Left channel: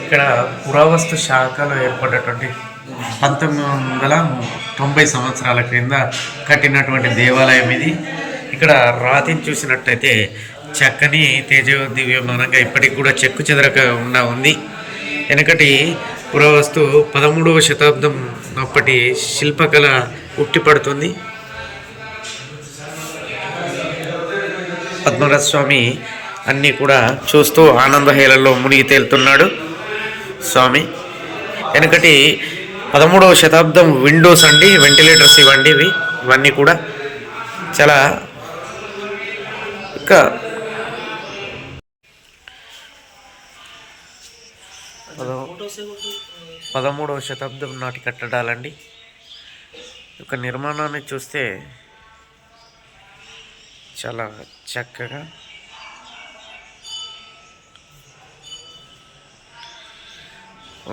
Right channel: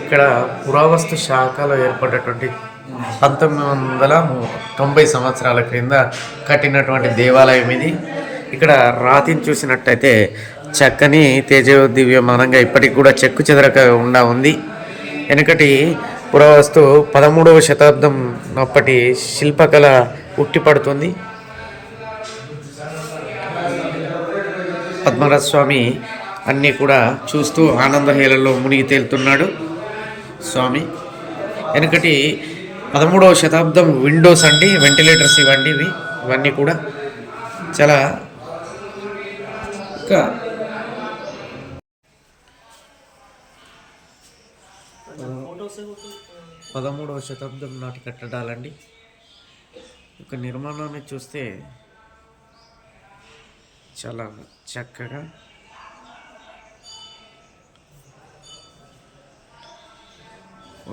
ఇక్కడ పురావస్తు శాఖలో ఏర్పడినటువంటి 1990 సంవత్సరాల క్రింద కట్టినటువంటి దేవాలయం ఇది. ఇక్కడ రాతిని చూసినట్టయితే చక్కని తేజోదివ్యమానంగా ఇప్పటికి కూడా చెక్కు చెదరకుండా ఉంది. వెనకటి పురావస్తు 13వ శతాబ్దం అప్పటి శిల్పకళ ఉట్టిపడుతుంది. పద్మనాభ స్వామి అన్నీ కూడా చూస్తూ ఆనందహేళల్లో మునిగి తేలుతున్నాడు స్వామి. వెనకటి 13వ శతాబ్దం విండోస్ అండి, వెంటిలేటర్స్ ఇవ్వండి. ఇవన్నీ కూడా చాలా ఇంకా 13వ శతాబ్దం నాటి కట్టడాలండి. ఒక నిర్మాణాన్ని చూస్తే చాలా చక్కగా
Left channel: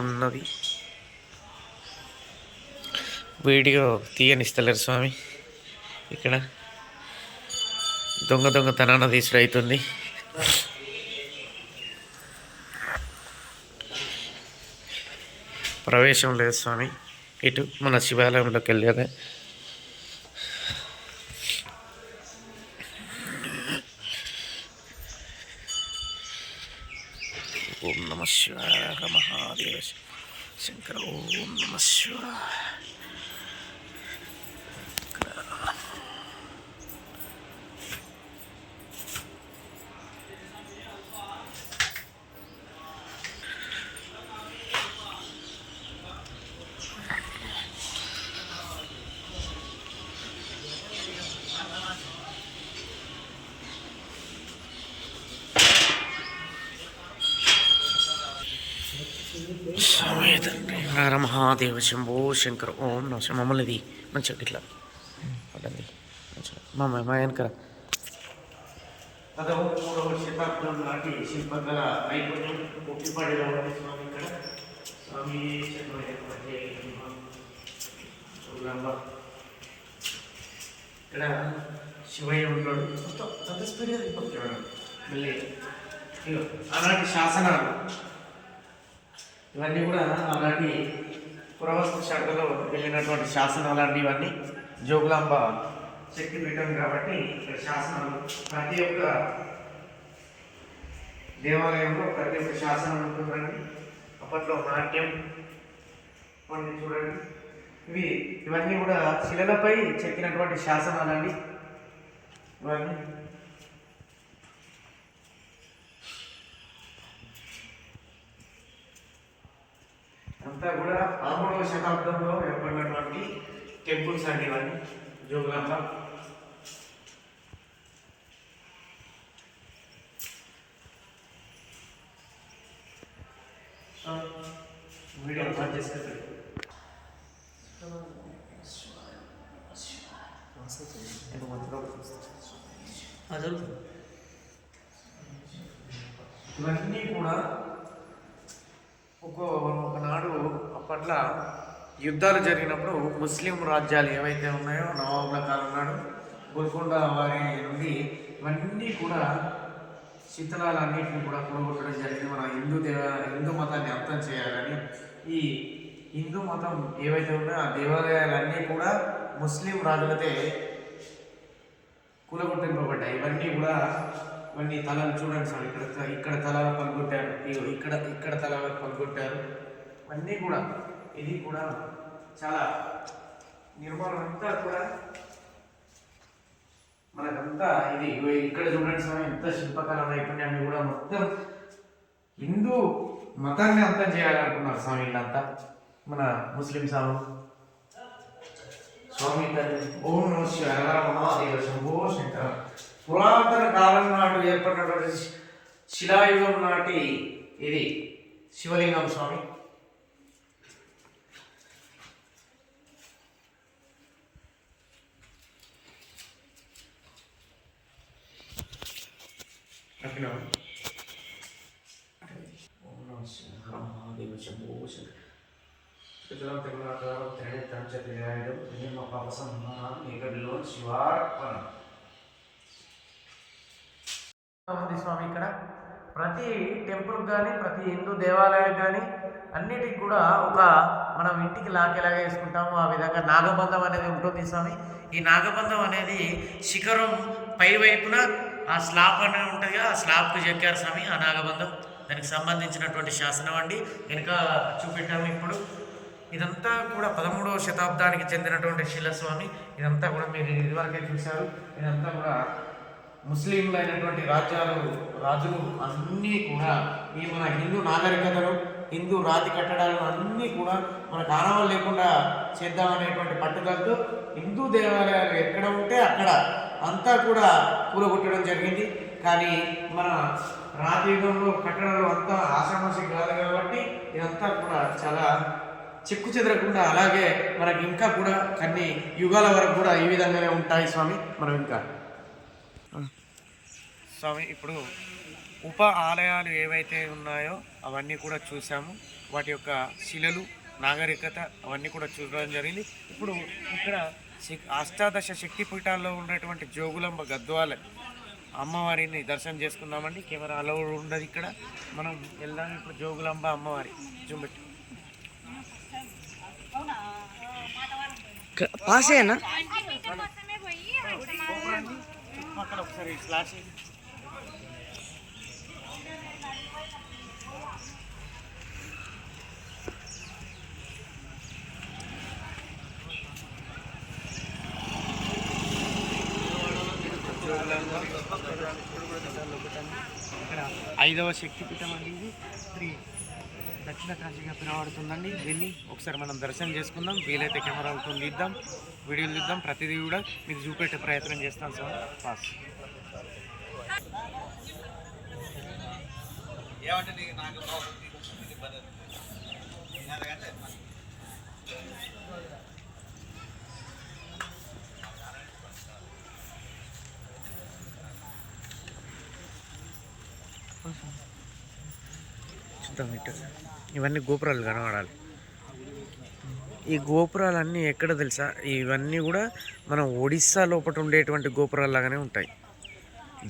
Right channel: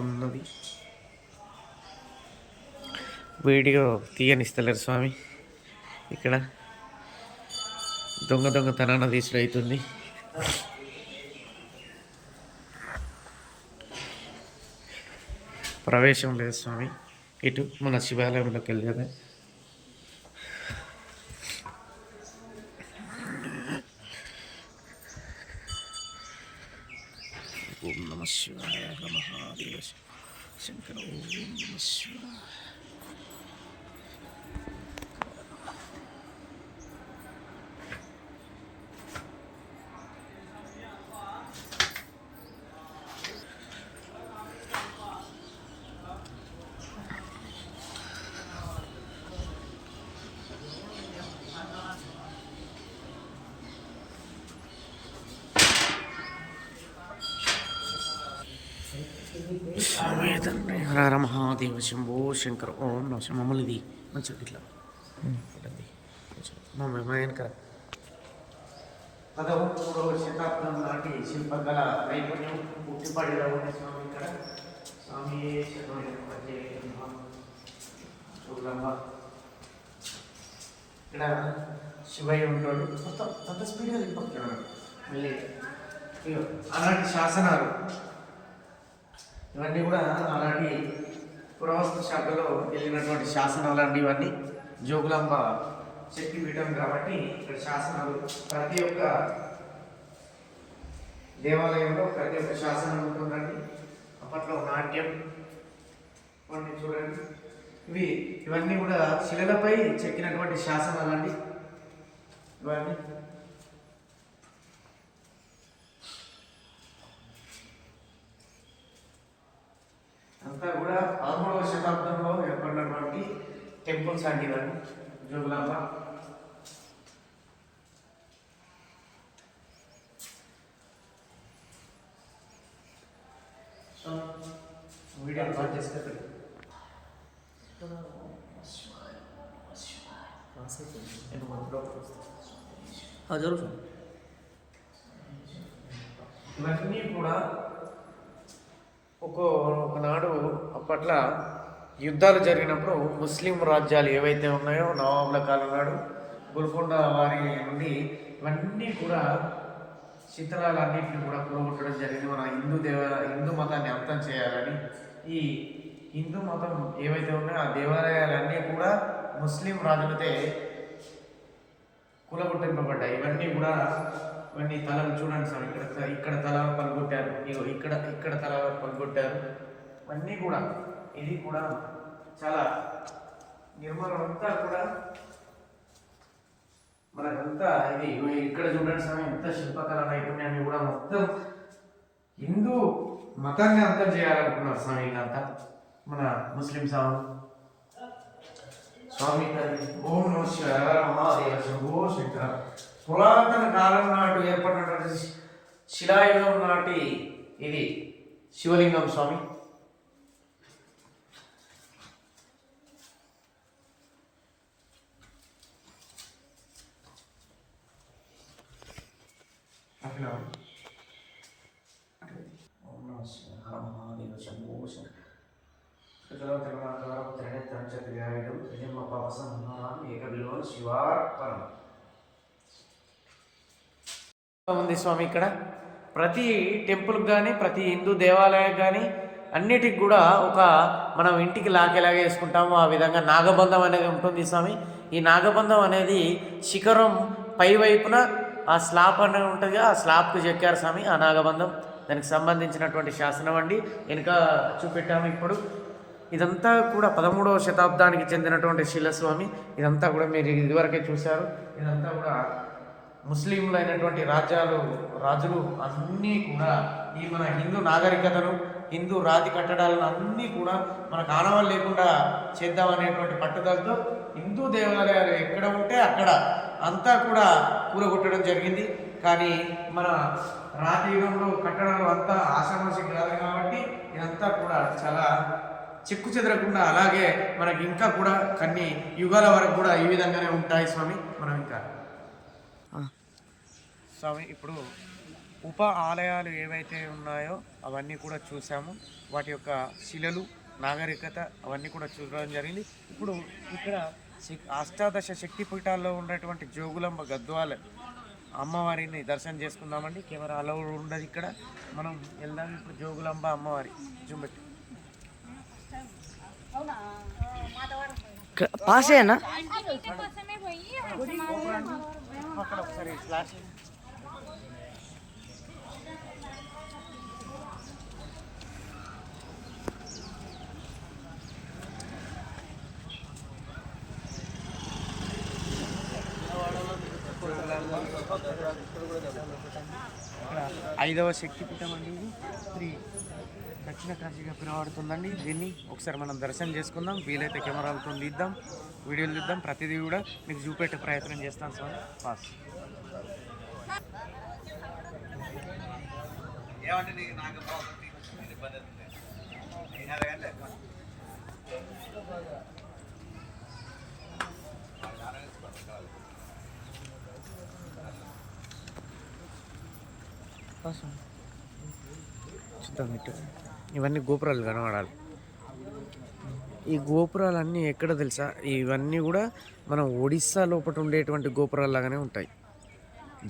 ఉన్నది. వీడియో తీయనిస్తలేరు స్వామి. ఇక్కడ దొంగతనాన తీసుడు అవుతుంది. ప్రవేశం లేదు స్వామి. ఇటు మన శివాలయంలోకి వెళ్ళేదే. ఓం నమ శివాయ మహాదేవ శంకర. ఓం నమ శివాయ. తండ్రి హర మహాదేవ శంభో శంకర. ఓం నమ మమ్మల్ని ఇది మంచిగా ఇట్లా అదండి మా వెనకర 13వ శతాబ్దం నాటి శిల్పకళ నైపుణ్యం పుట్టిపడిలో ఉంది స్వామి. ఇక్కడ స్వామి ఇక్కడ శివయ్య ఉంటాడు. అంత స్పీడ్గా వెళ్ళిపోతున్నాడు. మళ్ళీ అలాంటి శాసనాలు ఇవన్నీ కూడా అలాంటి పురావస్తు శాఖలో వెళ్ళినటువంటి శాసనాలు అండి. ఇవన్నీ జోగులాంబ శక్తిపీఠం కాబట్టి ఇక్కడ శాసనాలు ప్రతి ఒక్క దేవాలయంలో ప్రతి ఒక్క శాసనం ఉంటుందండి. అప్పట్లో నాట్యం ఇవన్నీ చూడండి. ఇవన్నీ కూడా శిలలపై చెక్కినటువంటి శాసనాలండి. ఇవన్నీ అంతా కూడా 13వ శతాబ్దంలో ఏర్పడినటువంటి టెంపుల్స్ అండి. ఇవన్నీ జోగులాంబ. వీడియో బాగా చేసుకుంటాడు. ఇవన్నీ కూడా ఒకనాడు అప్పట్ల యుద్ధాలు జరిగినప్పుడు ముస్లిం రాజ్యాలు ఏవైతే ఉన్నాయో నవాబుల కాలం నాడు గోల్కొండ వారి నుండి ఇవన్నీ కూడా శిథిలాలన్నింటినీ కూడా కూడగొట్టడం జరిగింది. మన హిందూ మతాన్ని అంతం చేయాలని ఈ హిందూ మతం ఏవైతే ఉన్నాయో ఆ దేవాలయాలన్నీ కూడా ముస్లిం రాజులతో కూలగొట్టింపబడ్డాయి. ఇవన్నీ తలలు చూడండి సార్. ఇక్కడ తల పలుగొట్టారు, ఇక్కడ తల పలుగొట్టారు. ఇవన్నీ కూడా ఇది కూడా చాలా నిర్మాణం అంతా కూడా మనకంతా ఇది. ఇక్కడ చూడండి సార్, ఎంత శిల్పకళ నైపుణ్యాన్ని కూడా మొత్తం హిందూ మతాన్ని అంతం చేయాలనుకున్నారు స్వామి. వీళ్ళంతా మన ముస్లిం స్వామి తండ్రి. ఓం నమ శివాయ మహాదేవ శంభో శంకర. పురాతన కాలం నాడు ఏర్పడినటువంటి శిలాయుగం నాటి ఇది శివలింగం స్వామి. మహాదేవ శంభో ఉంది స్వామి. ఇక్కడ ప్రతి టెంపుల్కి కానీ ప్రతి హిందూ దేవాలయానికి కానీ అన్నిటికి కూడా ఒక మనం ఇంటికి లాకెలాగా వేసుకుంటామో ఆ విధంగా నాగబంధం అనేది ఉంటుంది స్వామి. ఈ నాగబంధం అనేది శిఖరం పై వైపున ఆ స్లాబ్ అనేది ఉంటుంది, ఆ స్లాబ్కు చెక్కారు స్వామి ఆ నాగబంధం. దానికి సంబంధించినటువంటి శాసనం అండి వెనుక చూపెట్టాము ఇప్పుడు. ఇదంతా కూడా 13వ శతాబ్దానికి చెందినటువంటి శిలస్వామి. ఇదంతా కూడా మీరు ఇదివరకే చూశారు. ఇదంతా కూడా ముస్లింలు అయినటువంటి రాజులు అన్నీ కూడా ఈ మన హిందూ నాగరికతను, హిందూ రాతి కట్టడాలను అన్నీ కూడా మనకు ఆనవాళ్ళు లేకుండా చేద్దామనేటువంటి పట్టుదలతో హిందూ దేవాలయాలు ఎక్కడ ఉంటే అక్కడ అంతా కూడా కూలగొట్టడం జరిగింది. కానీ మన రాతి యుగంలో కట్టడాలు అంతా ఆషామాషి కాదు కాబట్టి ఇదంతా కూడా చాలా చెక్కు చెదరకుండా అలాగే మనకి ఇంకా కూడా కొన్ని యుగాల వరకు కూడా ఈ విధంగానే ఉంటాయి స్వామి. మనం ఇంకా స్వామి ఇప్పుడు ఉప ఆలయాలు ఏవైతే ఉన్నాయో అవన్నీ కూడా చూసాము. వాటి యొక్క శిలలు, నాగరికత అవన్నీ కూడా చూడడం జరిగింది. ఇప్పుడు ఇక్కడ అష్టాదశ శక్తి పీఠాల్లో ఉన్నటువంటి జోగులాంబ గద్వాల అమ్మవారిని దర్శనం చేసుకుందామండి. కెమెరా అలౌ ఉండదు ఇక్కడ, మనం వెళ్దాం ఇప్పుడు. జోగులాంబ అమ్మవారి చూపెట్టి పాసేనా పక్కన ఒకసారి స్లాష్ జోగులాంబ ఇక్కడ 5వ శక్తిపీఠం అండి. ఇది శ్రీ దక్షిణ కాశీగా పిలువబడుతుందండి. దీన్ని ఒకసారి మనం దర్శనం చేసుకుందాం. వీలైతే కెమెరాలతో తీద్దాం, వీడియోలు తీద్దాం. ప్రతిదీ కూడా మీకు చూపెట్టే ప్రయత్నం చేస్తాను సార్. పాస్ చూద్దాం. ఇటు ఇవన్నీ గోపురాలు కనబడాలి. ఈ గోపురాలన్నీ ఎక్కడ తెలుసా? ఇవన్నీ కూడా మనం ఒడిస్సా లోపల ఉండేటువంటి గోపురాలు లాగానే ఉంటాయి.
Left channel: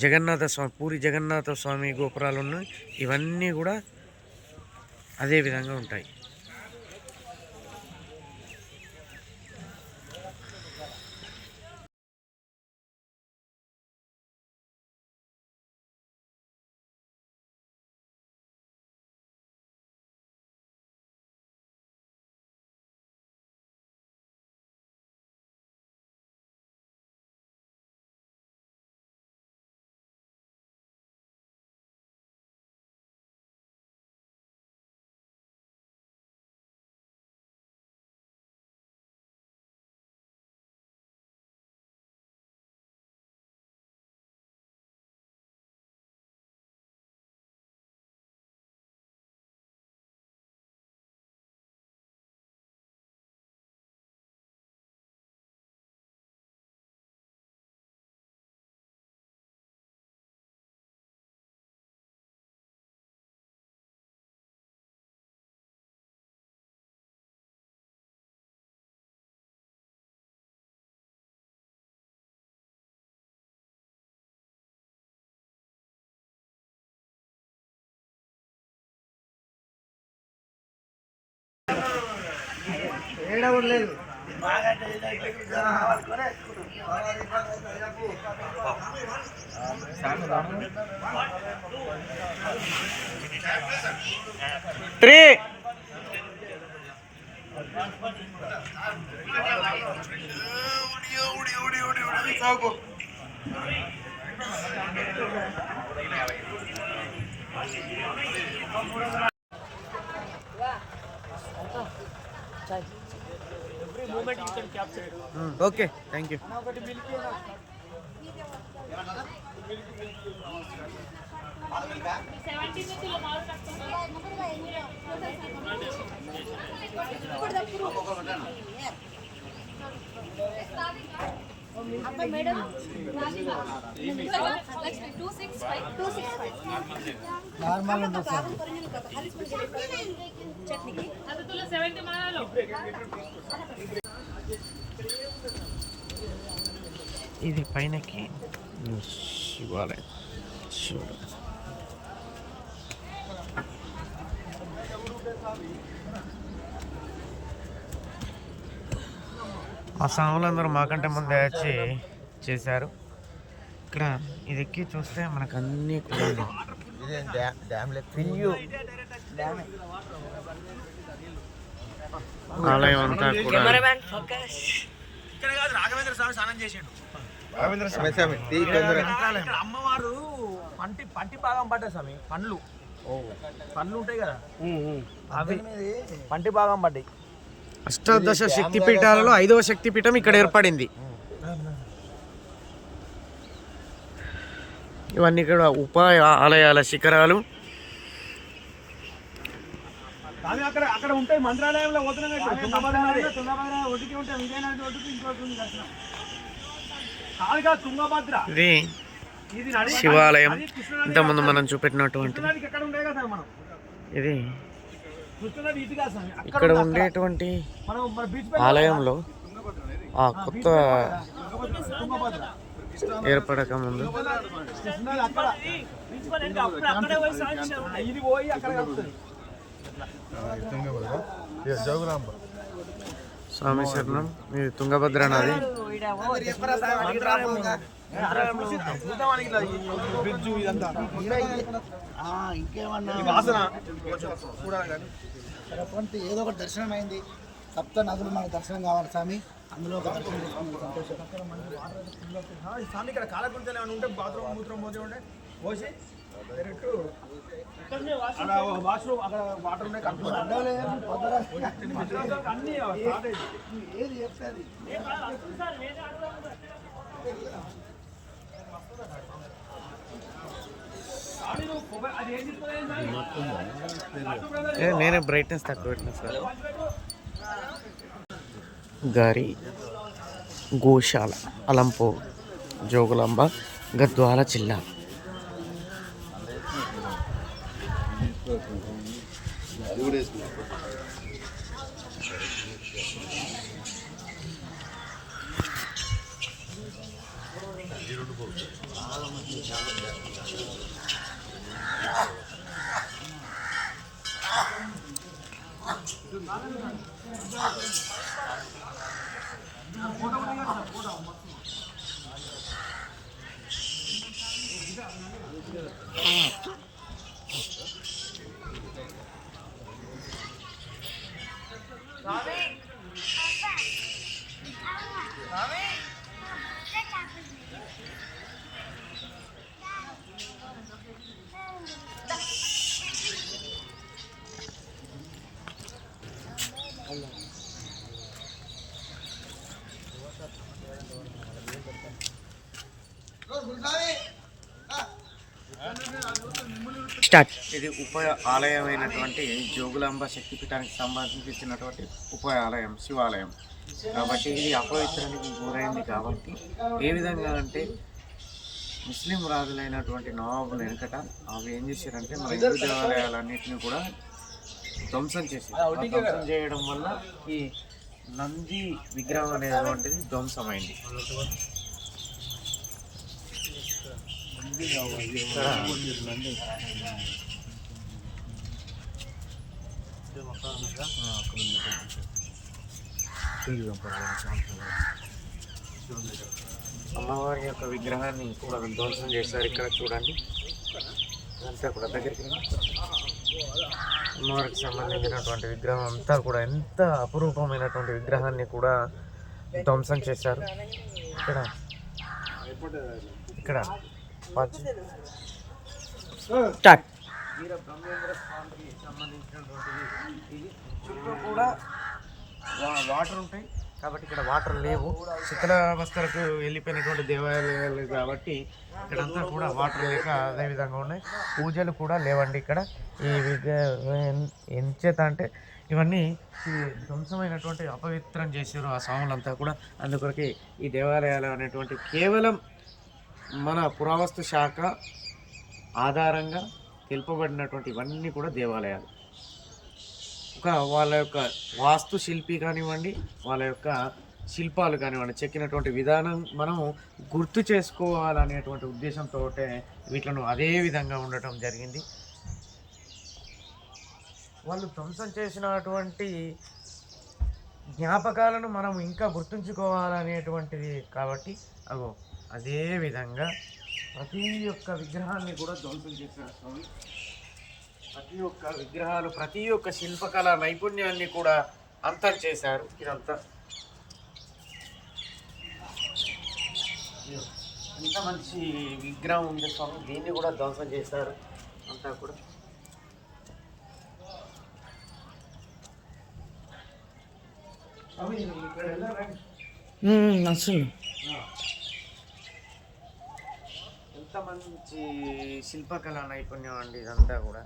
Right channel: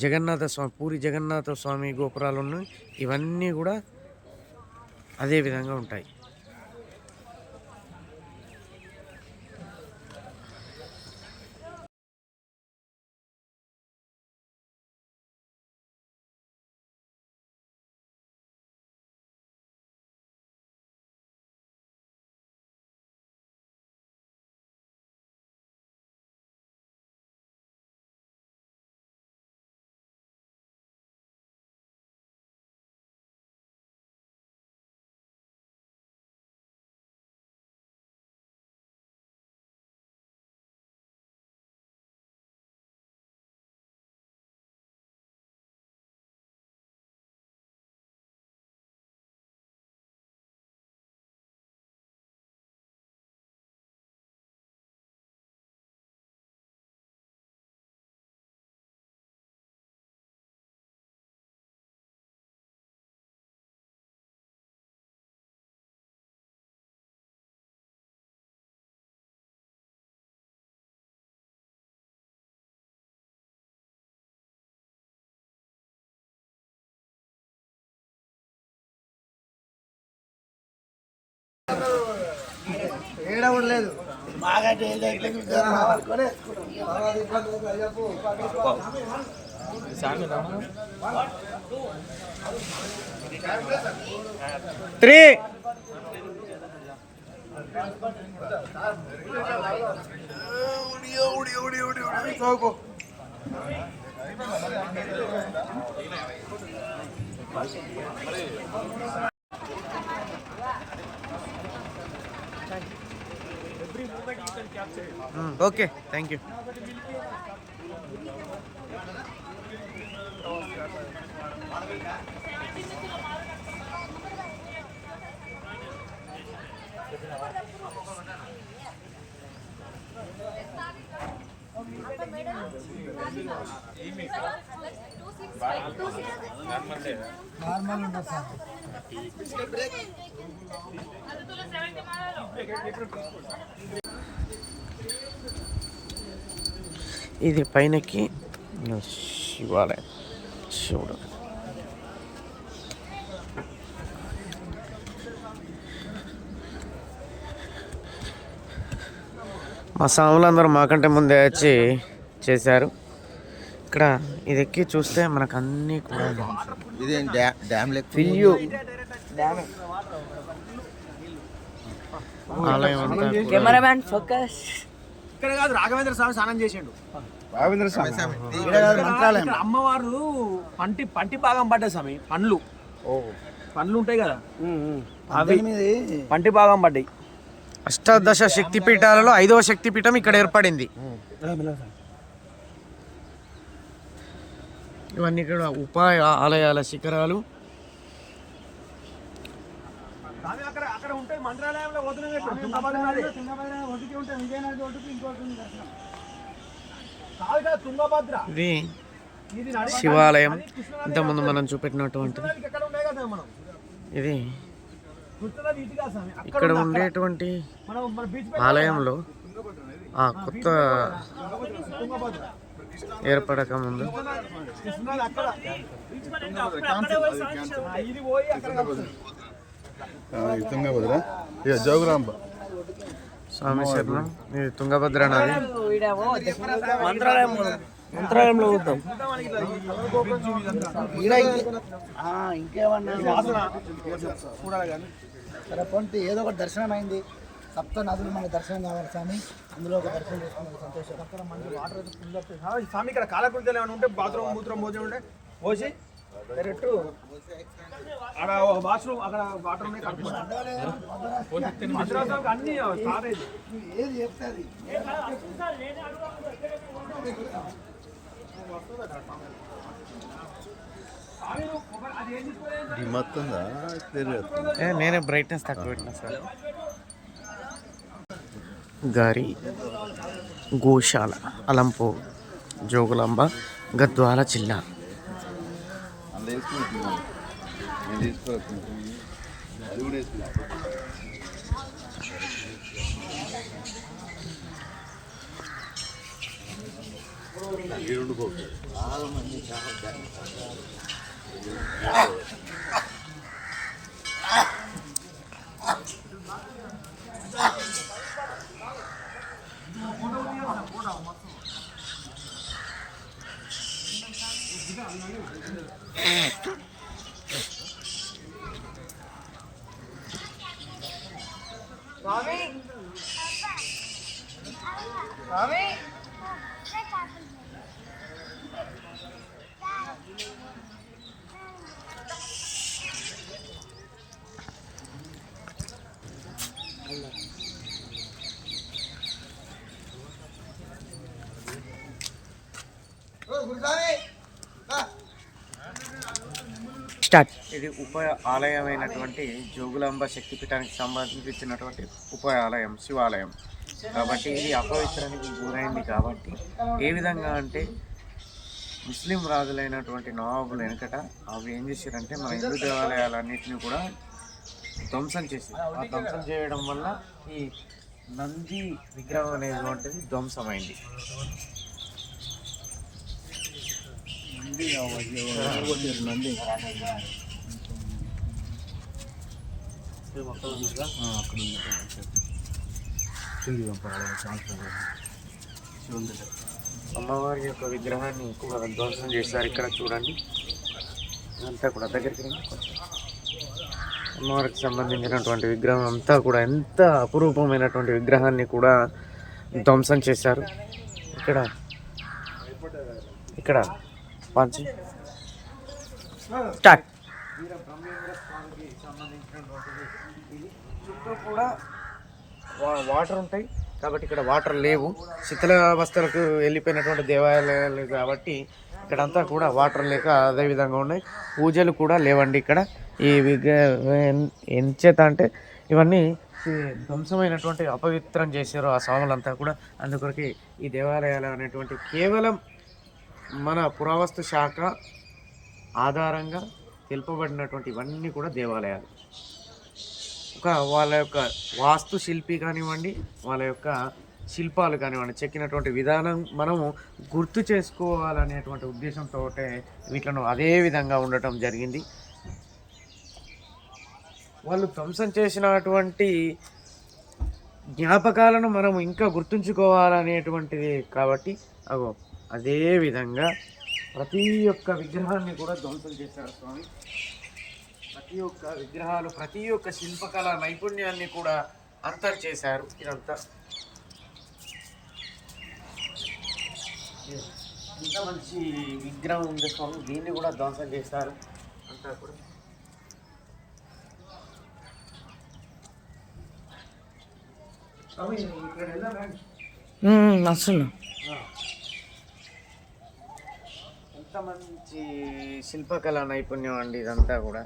జగన్నాథ స్వామి, పూరి జగన్నాథ స్వామి గోపురాలు ఉన్నాయి. ఇవన్నీ కూడా అదే విధంగా ఉంటాయి. ఏడా ఉండలేదు. Three every moment you can capture it. Okay, thank you. Normal ఉంటుంది సార్. ఇది పైనకి శివాలయం శివుడు. మా స్వాములందరూ మాకంటే ముందే వచ్చి చేశారు. ఇక్కడ ఇది ఎక్కి చూస్తే మనకు అన్నీ కూడా ఆలయం అంతా కూడా ఇక్కడ కాదు రాఘవేంద్ర స్వామి స్నానం చేసిండు. అమ్మవారు పంటి భాగం పడ్డా స్వామి, పండ్లు ఉంటాయి కదా అవి పంటి భాగం పడ్డాయి. అష్టాదశ శక్తి పీఠాలలో 5వ శక్తి పీఠం ఇక్కడ ఏర్పడింది. ఇవన్నీ కూడా ఉపాయ ఆలయాల శిఖరాలు. అక్కడ ఉంటాయి మంత్రాలయంలో ఇది శివాలయం. ఇంతకుముందు మనం చూపెట్టినటువంటి ఇది ఇక్కడ ఉండేటువంటి ఆలయంలో ఆ కొత్త ఏర్పడక ముందు స్వామి శరణం. ఇది తుంగభద్ర నది. ఏదో ఒకటి దర్శనం అయింది. సప్త నదులు మనకు దర్శనం కావాలి స్వామి, అందులో ఒక దర్శనం చేసుకునే సంతోషం. స్వామి ఇక్కడ కాలకృత్యాలు ఏమైనా ఉంటే బాత్రూమ్ మూత్రం పోతే ఉంటే పోసి డైరెక్ట్ అక్కడ వాష్రూమ్ అక్కడ వాటర్ ఉన్నాయి కడుక్కోవాలి. అన్ని ఏది చెప్తాది నేనే బ్రైట్నెస్ తక్కువ పెట్టినా సార్. గారి గోశాల, అలంపూర్, జోగులాంబ, గద్వాల జిల్లా. స్టార్ట్. ఇది ఉపాయ ఆలయమైనటువంటి జోగులాంబ శక్తిపీఠానికి సంబంధించినటువంటి ఉపాయ ఆలయం, శివాలయం. కాబట్టి ఇది అపవిత్రానికి గురైంది. కాబట్టి ఏ విధంగా అంటే ముస్లిం రాజులైనటువంటి నవాబులు వెనకట అవి ఏం చేశారంటే మన హిందూ దేవాలయాలన్నింటినీ కూడా ధ్వంసం చేశారు. ఆ ధ్వంసం చేయడం వల్ల ఈ నంది విగ్రహం అనేటువంటిది ధ్వంసమైంది. అమ్మవారి యొక్క విగ్రహాన్ని కూడా ధ్వంసం చేశారు. ఇక్కడ చూడండి, ఇదంతా కూడా దగ్గరికి అమ్మవారికి సంబంధించినటువంటి విగ్రహం అంతా కూడా ఎంత అపురూపమైనటువంటి విగ్రహాన్ని కూడా ధ్వంసం చేశారు. ఇక్కడ స్టార్ట్. వీర బ్రహ్మేంద్ర స్వామికి సంబంధించినటువంటిది ఇది. చుట్టూ కూడా వాటర్ ఉంటాయి కాబట్టి ఇక్కడ వాటర్ లేవు. శిథిలావస్థలకు వెళ్ళిపోయినటువంటి దేవాలయాలు కాబట్టి ఇక్కడంతా కూడా వాటర్ లేక అదే విధంగా ఉన్నాయి. పూజలు కూడా లేవండి ఇక్కడ. ఈ ఎంచేత అంటే ఇవన్నీ ధ్వంసమైనటువంటి అపవిత్రం చేశారు ఆ స్వాములంతా కూడా. అందుకొరకే ఈ దేవాలయాలు అనేటువంటి కేవలం మన పురావస్తు శాఖ ఆధారంగా తెలుపబడినటువంటి ఇవన్నీ కూడా దేవాలయాలు. వాళ్ళ యొక్క వాస్తు శిల్పి కానివ్వండి, వాళ్ళ యొక్క శిల్పాలు కానివ్వండి, చెక్కినటువంటి విధానం మనము గుర్తు చేసుకోవాలనేటువంటి ఉద్దేశంతో వీటిలను అదే విధంగా ఉండటం జరిగింది. వాళ్ళు ధ్వంసం చేసినటువంటి జ్ఞాపకాలను మనం ఇంకా గుర్తుంచుకోవాలనేటువంటిది కాబట్టి అగో అదే విధంగా ప్రతి ఒక్క విగ్రహాన్ని కూడా ధ్వంసం చేశారు స్వామి. ప్రతి ఒక్క విగ్రహాలు, ప్రతి ఒక్క శిల్పకళ నైపుణ్యాన్ని కూడా అంతం చేశారు. ఇదంతా ఎంత మంచి విగ్రహం ఉంది స్వామి, దీన్ని కూడా ధ్వంసం చేశారు అంతా కూడా. స్వామి ఇక్కడ వెళ్ళండి అసలు ఎంత మంచి శిల్పకళ నైపుణ్యం అండి ఇదంతా కూడా.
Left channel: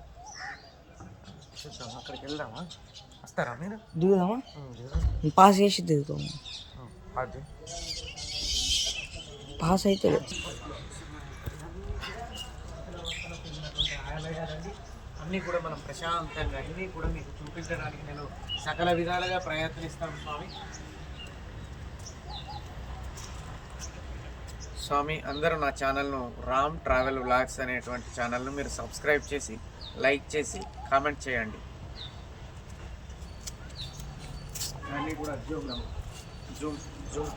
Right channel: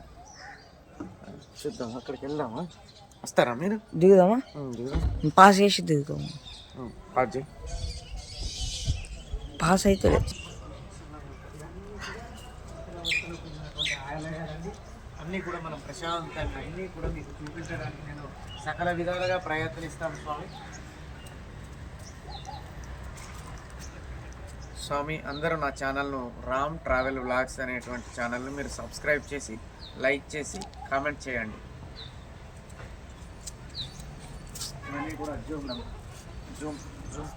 చూద్దాం, అక్కడికి వెళ్దామా? వస్తారా మీరు? దిగుదామా? దిగుదాం. పాస్ చేసి దిగుతాము. పాస్ చేయి. పాస్ అయితే ఆలయాలండి అన్నీ కూడా మనం ప్రశాంతంగా అన్నీ కూడా మీకు చూపించడానికి నేను సకల విధాలుగా ప్రయత్నిస్తాను స్వామి. స్వామి అందరూ నా ఛానల్ను రామ్ ట్రావెల్ వ్లాగ్స్ అనేటువంటి ఛానల్ను మీరు సబ్స్క్రైబ్ చేసి, లైక్ చేసి, కామెంట్ చేయండి. ఇవన్నీ కూడా జూమ్ జూమ్ జూమ్.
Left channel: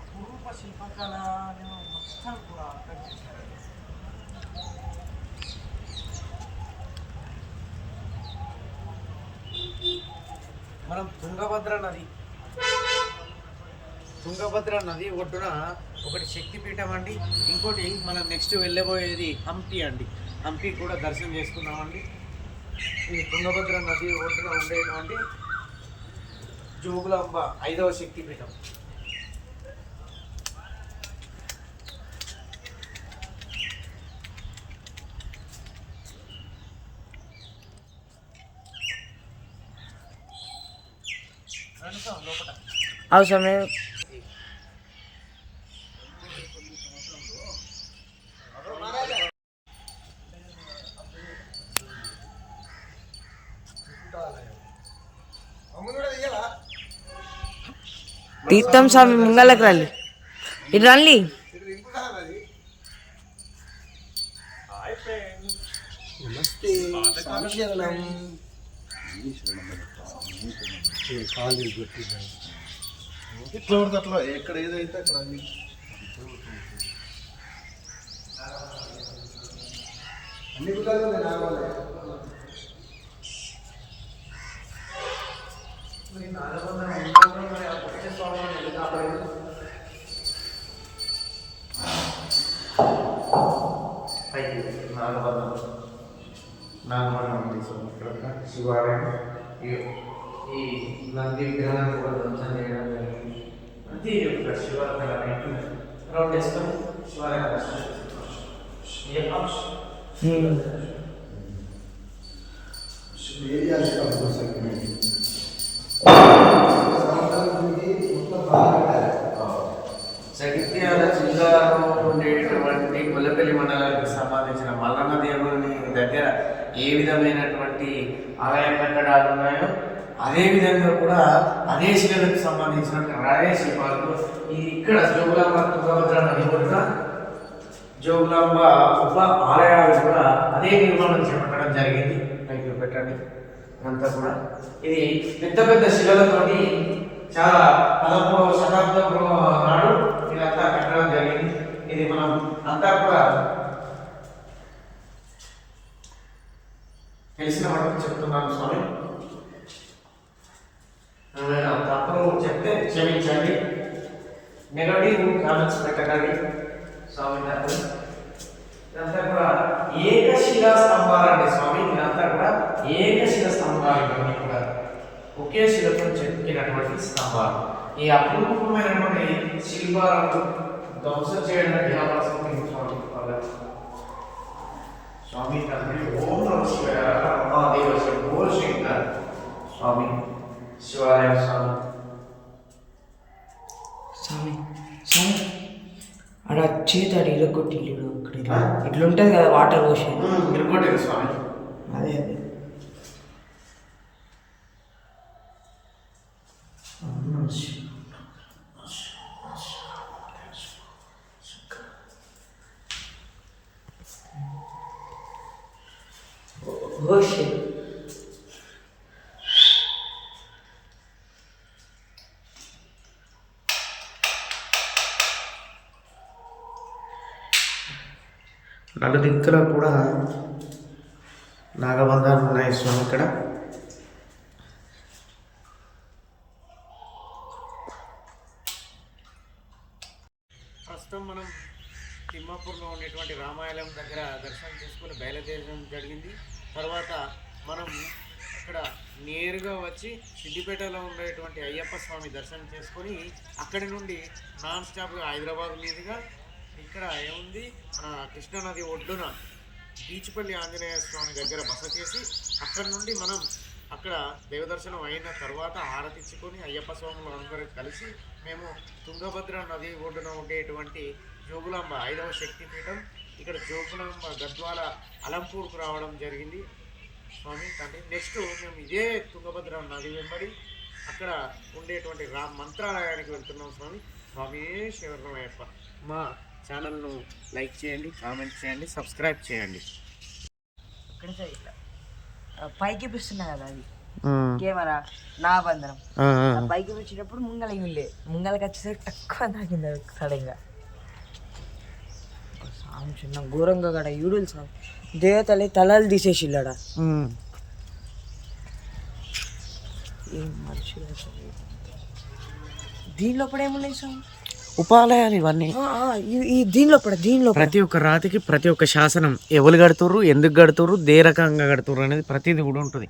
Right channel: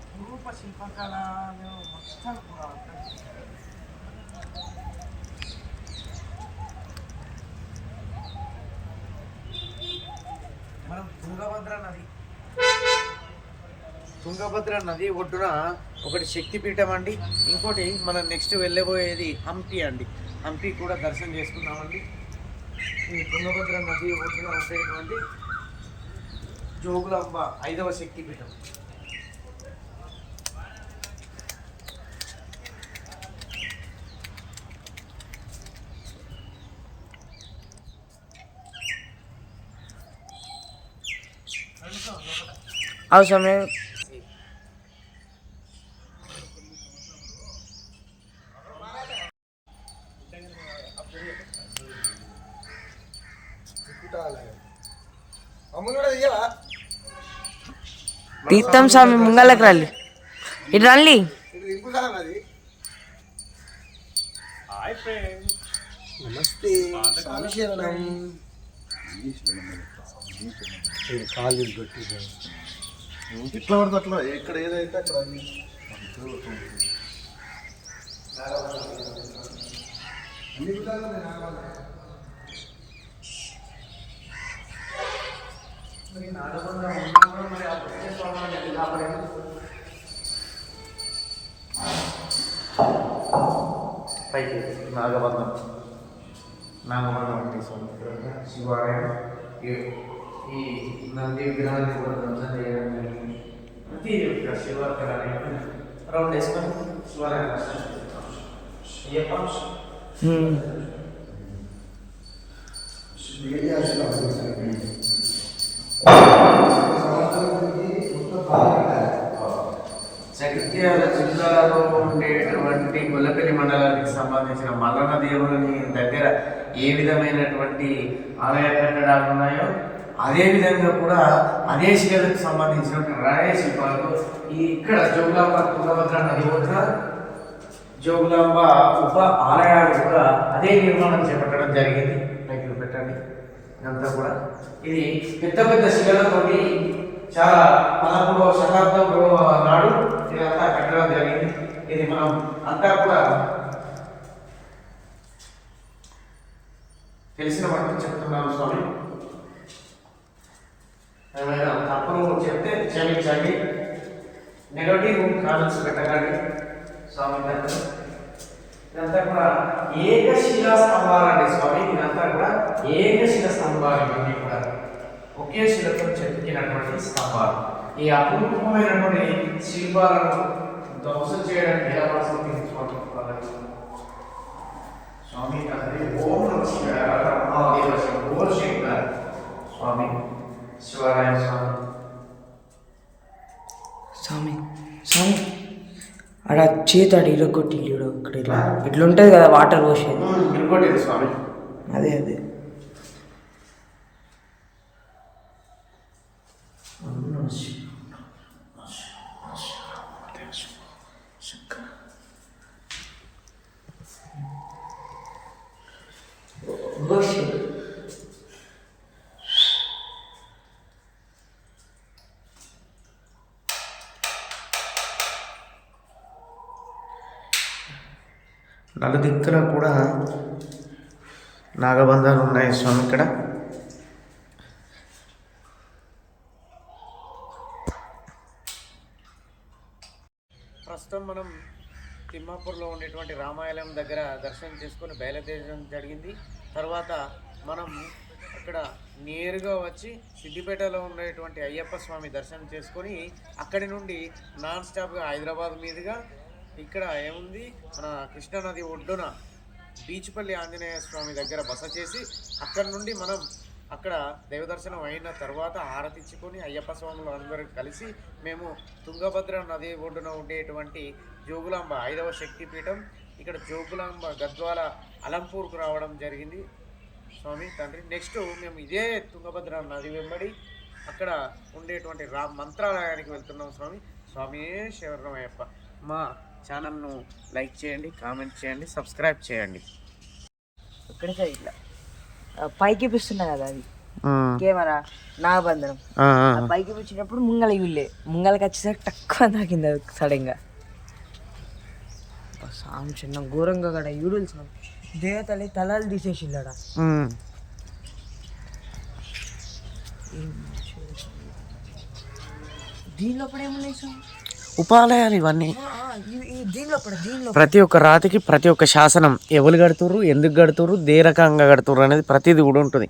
అపురూప శిల్పకళను మొత్తం కూడా అర్థం చేశారండి. మనం తుంగభద్ర నది ఒడ్డున ఒకటి శక్తిపీఠం అండి, ఇంకోటి మనం నెక్స్ట్ వెళ్ళబోయేది హంపి అండి. హంపి కూడా దర్శనం చేసుకుందామండి. ఈ తుంగభద్ర నది ఒడ్డున ఉండేటువంటి జోగులాంబ 5వ శక్తిపీఠం. అవసరమే. తీర్థం స్వామి ముంగళ్ళకి రండి, ఇటు రండి. నమస్తే స్వామి శరణం. కాలు పెట్టి ఎట్లా పడితే అట్లా, ఎక్కడ ఏదైతే అక్కడ అన్ని పైకి నాగబంధం ఉంది స్వామి. ఇక్కడ శివాలయం, ఈ నంది విగ్రహాన్ని కూడా ధ్వంసం చేయడం జరిగింది. ప్రతి ఒక్క శివాలయం రౌండ్ వేసుకొని శివాలయం జగిత్యాల జిల్లాలో ఉండేటువంటి గొల్లపల్లి మండలానికి సంబంధించిన మల్లన్న దేవుని దగ్గర ఏ విధమైనటువంటి ఆలయ కట్టడాలు ఉన్నాయో అదే విధంగా కూడా అదే శిలకు సంబంధించినటువంటి రాయ శిల్పాలతో ఇక్కడ జోగులాంబ తుంగభద్ర నది ఒడ్డున జోగులాంబ ఉప ఆలయాలు కూడా అదే నిర్మాణం చేపట్టడం జరిగింది. పైకి పెట్టండి. ఇదంతా కూడా ఇది పెద్ద పెద్ద శిలలతోటి చాలా 13వ శతాబ్దంలో నాడు ఇదంతా కట్టడం జరిగింది. ఇది మనం అంతా కూడా తెలిసిన మటుకు చెప్తున్నాను స్వామి. ఏమైనా తప్పులు చెప్తే క్షమించండి, నెగటివ్ కామెంట్స్ పెట్టకండి స్వామి గారు. ఇదంతా కూడా ఏకశిలా స్తంభాలండి స్వామి. ఇదంతా కూడా ఏకశిల స్తంభాలు, ఇవన్నీ కూడా ఒకే శిలతో చెక్కినటువంటి స్తంభాలు. ఈ అపూర్వమైనటువంటి శిల్పాలను ధ్వంసం చేయడానికి ఎలా ప్రసంగించి స్వామి వాళ్ళకి. స్వామి తండ్రి ఓం నమ శివాయ, మహాదేవ శంభో శంకర. స్వామి శివాలయం స్వామి. స్వామి స్వామి అక్కడ చేతాడు ఇరగొట్టి ఇక్కడ ఇట్లుంటుంది కదా వాటర్ పోసే ఇరగొట్టింది స్వామి. అదే Oh shit. నలుదిక్కులో కూడా నాగబంధాలు ఉన్నాయి స్వామి ఇక్కడ. ప్రస్తుతం మనం తిమ్మాపూర్లో ఉండేటువంటి రామాయణం దగ్గర దర్శనం చేసుకొని బయలుదేరడం జరిగింది. తర్వాత మనం అక్కడ నేరుగా వచ్చి సిద్దిపేటలో ఉండేటువంటి అయ్యప్ప స్వామి దర్శనం చేసుకొని అక్కడి నుండి నాన్ స్టాప్గా హైదరాబాద్ మీదుగా ఇక్కడ ఏముంది మన కృష్ణానది ఒడ్డున బీచ్పల్లి ఆంజనేయ స్వామి దగ్గర బస చేసి అక్కడి నుండి మనం అక్కడ దైవదర్శనం అయిన తర్వాత హారతిచ్చుకొని అయ్యప్ప స్వాములు అందరూ కలిసి మేము తుంగభద్ర నది ఒడ్డున ఉండేటువంటి జోగులాంబ 5వ శక్తిపీఠం ఇక్కడ జోగులాంబ గద్వాల అలంపూర్కు రావడం జరిగింది స్వామి తండ్రి. నెక్స్ట్ మేము ఇదే తుంగభద్ర నది వెంబడి అక్కడ ఉండేటువంటి మంత్రాలయానికి వెళ్తున్నాం స్వామి. స్వామి శరణమయ్యప్ప. మా ఛానల్ను లైక్ చేయండి, కామెంట్ చేయండి, సబ్స్క్రైబ్ చేయండి. ఇక్కడ ఇట్లా పైకి పిస్తున్నా కదా అది కెమెరా నాగబంధనం పైకి పిచ్చినప్పుడు ముంగల వీళ్ళే ముంగలకి వచ్చేసరికి తక్కువ తాకింది అది సడన్గా. సాం చిన్న ఘోరంగా కడ యూడులు సాం దేవతలే తలలు తీసేసిల్లాడ. దీనిలో కూడా ఏమున్నాయి సార్ ఉపాలయాలు ఇవన్నీ. దీనిలో ప్రతి ఒక్క రాతికి ప్రతి ఒక్క శాసనం ఎవరు కడుతుర్రు, ఎందుకు కడుతుర్రు, దే రకంగా కడుతుర్రు అనేది ప్రతిదీ కూడా ఉంటుంది.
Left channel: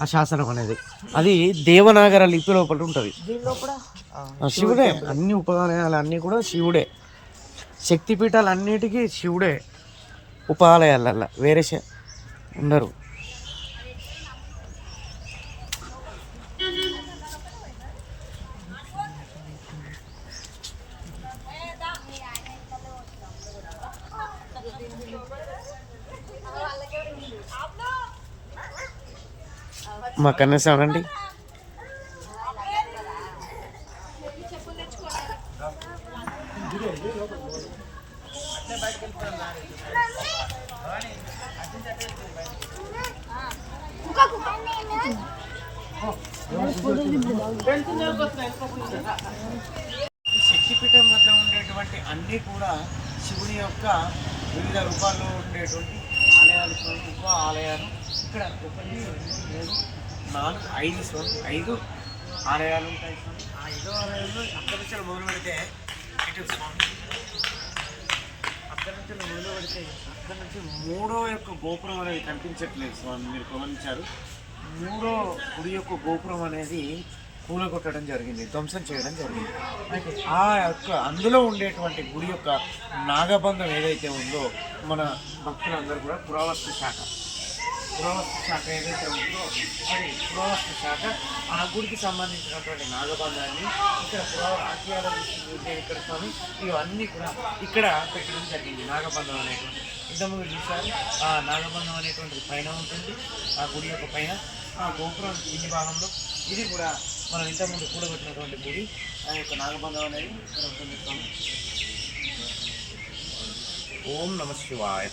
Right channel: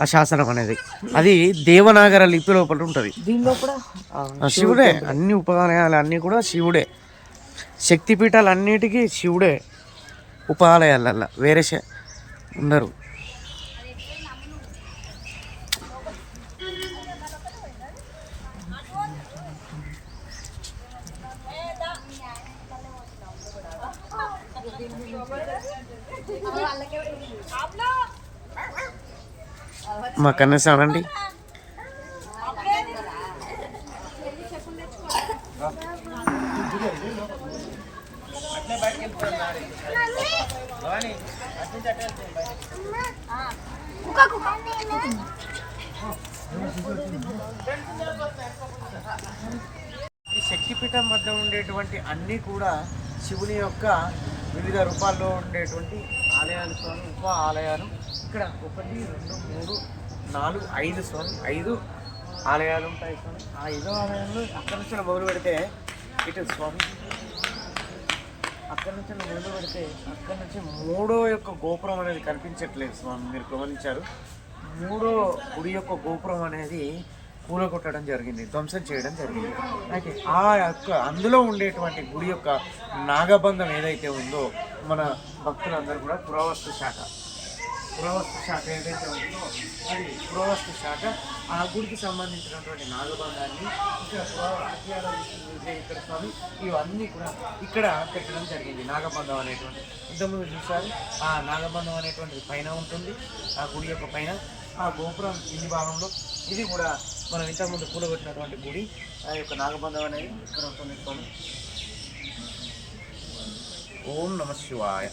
ఆ శాసనం అనేది అది దేవనాగర లిపి లోపల ఉంటుంది. దీనిలో కూడా శివుడే. అన్ని ఉపాలయాలు అన్నీ కూడా శివుడే. శక్తిపీఠాలు అన్నిటికీ శివుడే ఉపాలయాలల్లా, వేరే ఉండరు. మా కన్నెస్ అనండి. శక్తిపీఠం వద్ద ఉండేటువంటి అన్నీ కూడా శివుని యొక్క వివిధ రూపాల్లో ఉండేటువంటి ఆలయాలు స్వామి, ఉప ఆలయాలు. ఇక్కడ 1, 2, 3, 4, 5 స్వామి, 5 ఆలయాలు ఉంటాయి స్వామి. ఆ 5 ఆలయాలు అక్కడి నుంచి మొదలు పెడితే ఇటు స్వామి, అక్కడి నుంచి మొదలు పెడితే అక్కడి నుంచి 3వ యొక్క గోపురం అనేది కనిపించట్లేదు స్వామి. మీరు గమనించారు, 3వ గుడి యొక్క గోపురం అనేది కూలగొట్టడం జరిగింది, ధ్వంసం చేయడం జరిగింది. అయితే ఆ యొక్క అందులో ఉండేటువంటి గుడి యొక్క నాగబంధం ఏదైతే ఉందో మన భక్తులందరూ కూడా పురావస్తు శాఖ ఏదైతే ఉందో అది పురావస్తు శాఖ ఆ గుడికి సంబంధించినటువంటి నాగబంధాన్ని ఇక్కడ ఆర్కియాలజిస్ట్ మ్యూజియం ఇక్కడ స్వామి ఇవన్నీ కూడా ఇక్కడ పెట్టడం జరిగింది. నాగబంధం అనేటువంటి ఇంతకుముందు చూసారు, ఆ నాగబంధం అనేటువంటిది పైన ఉంటుంది, ఆ గుడి యొక్క పైన. ఆ గోపురం కింది భాగంలో ఇది కూడా మనం ఇంతకుముందు కూడబెట్టినటువంటి గుడి. ఆ యొక్క నాగబంధం అనేది ఇక్కడ ఉంటుంది స్వామి. ఓం నమః శివాయ.